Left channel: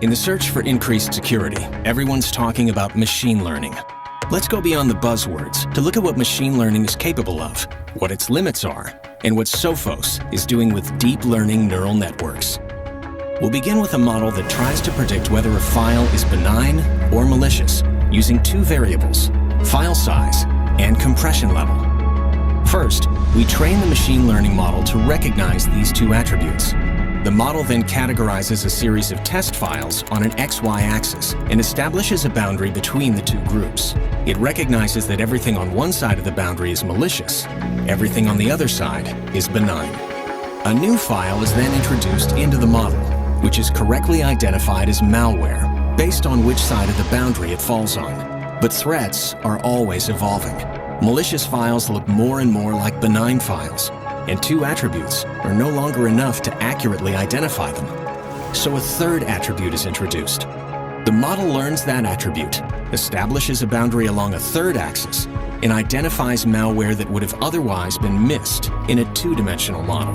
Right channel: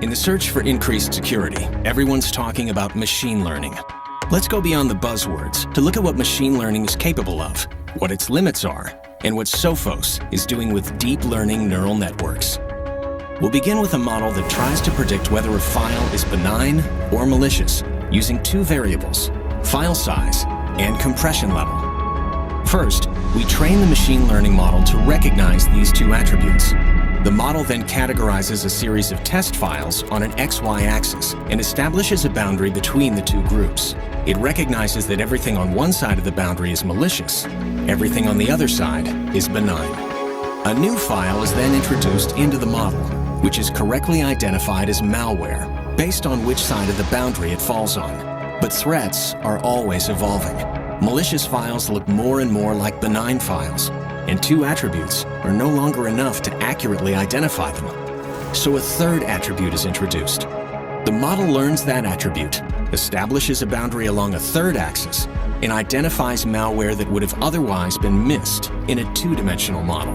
In the search for increased security, everyone's talking about machine learning. Let's go beyond the buzzwords to look at what machine learning is capable of, what its limits are, and what Sophos is doing with deep learning neural networks. We'll begin with a model that tries to predict whether a file is benign or malicious using two variables, file size and compression level. First, we train the machine learning model to recognize these two attributes. The model then categorizes a series of test files on an XY axis and establishes a boundary between the two groups. It recognizes that everything on one side of the boundary is malicious, everything on the other side is benign. A new file is then introduced into the model, which is correctly identified as malware, based on which side of the boundary it falls on. But threats are always evolving. Malicious files look more and more like benign files, and two attributes are no longer enough to accurately identify them. So a third attribute is introduced. The model learns that attribute, establishes a boundary along a third axis, and identifies malware that would have otherwise been missed in a two-dimensional model.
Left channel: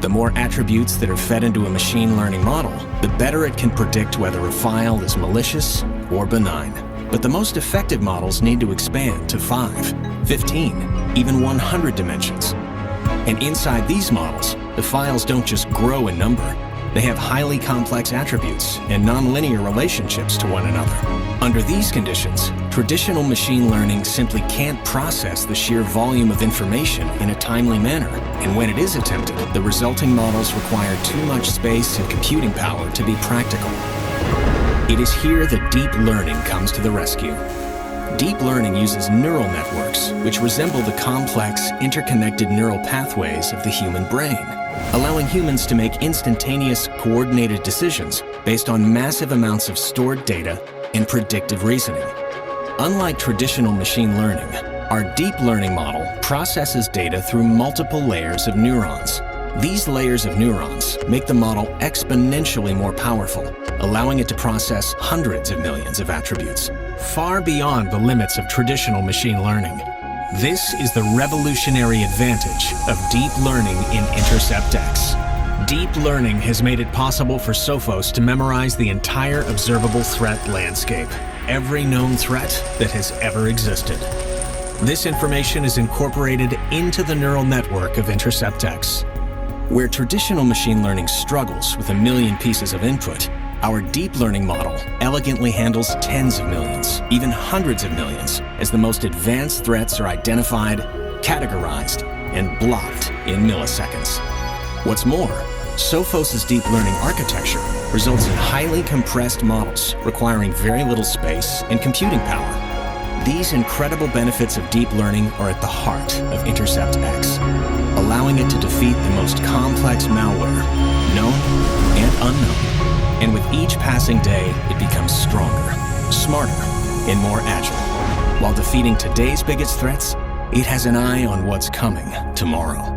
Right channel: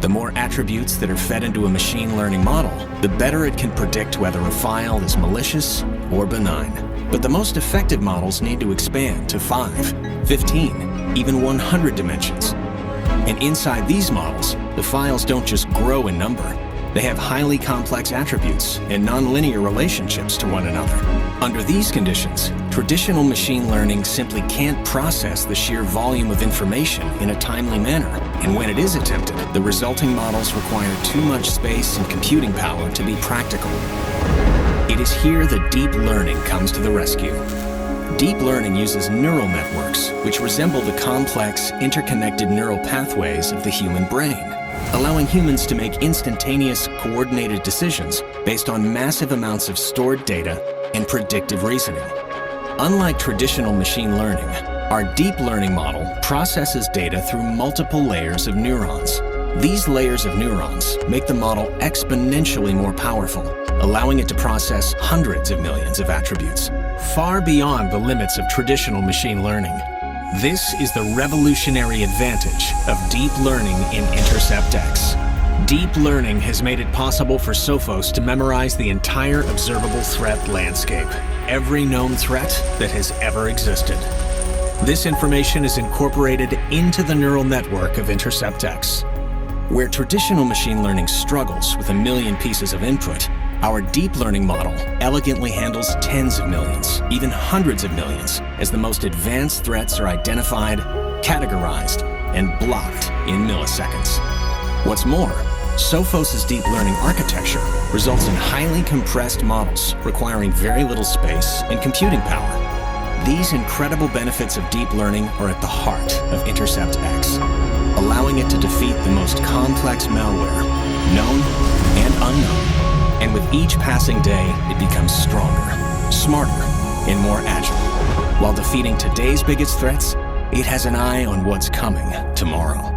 The more attributes that are fed into a machine learning model, the better it can predict whether a file is malicious or benign. But the most effective models need to expand to 5, 15, even 100 dimensions. And inside these models, the files don't just grow in number. They have highly complex attributes and nonlinear relationships to one another. Under these conditions, traditional machine learning simply can't process the sheer volume of information in a timely manner. And when it is attempted, the resulting models require too much space and computing power to be practical. It is here that deep learning comes to the rescue. Deep learning uses neural networks, which resemble the complex, interconnected neural pathways of the human brain, allowing humans to make instantaneous, coordinated decisions based on massive amounts of stored data and predictive reasoning. Unlike traditional machine learning, our deep learning model processes data through multiple layers of neurons. These layers of neurons make the model exponentially more powerful, allowing it to process hundreds of millions of attributes, far beyond the limits of traditional machine learning. This is the revolutionary advantage of deep learning in Intercept X. Deep learning has made it possible for Sophos to memorize the entire observable threat landscape, every known threat that has ever existed. This information is incorporated into the neural network of Intercept X. Where traditional machine learning struggles with a million pieces of input, our deep learning model elegantly handles tens of millions, even hundreds of millions, as the most advanced threats are identified, categorized, and blocked in milliseconds. What's more, Sophos' deep learning architecture results in highly compressed models requiring very little space and computing power. These incredible benefits of deep learning are at the heart of Intercept X, allowing it to defeat the most complex malware, known and unknown. And with each passing day, it becomes stronger, smarter, and more agile. While defeating today's biggest threats, it has an eye on what's coming tomorrow.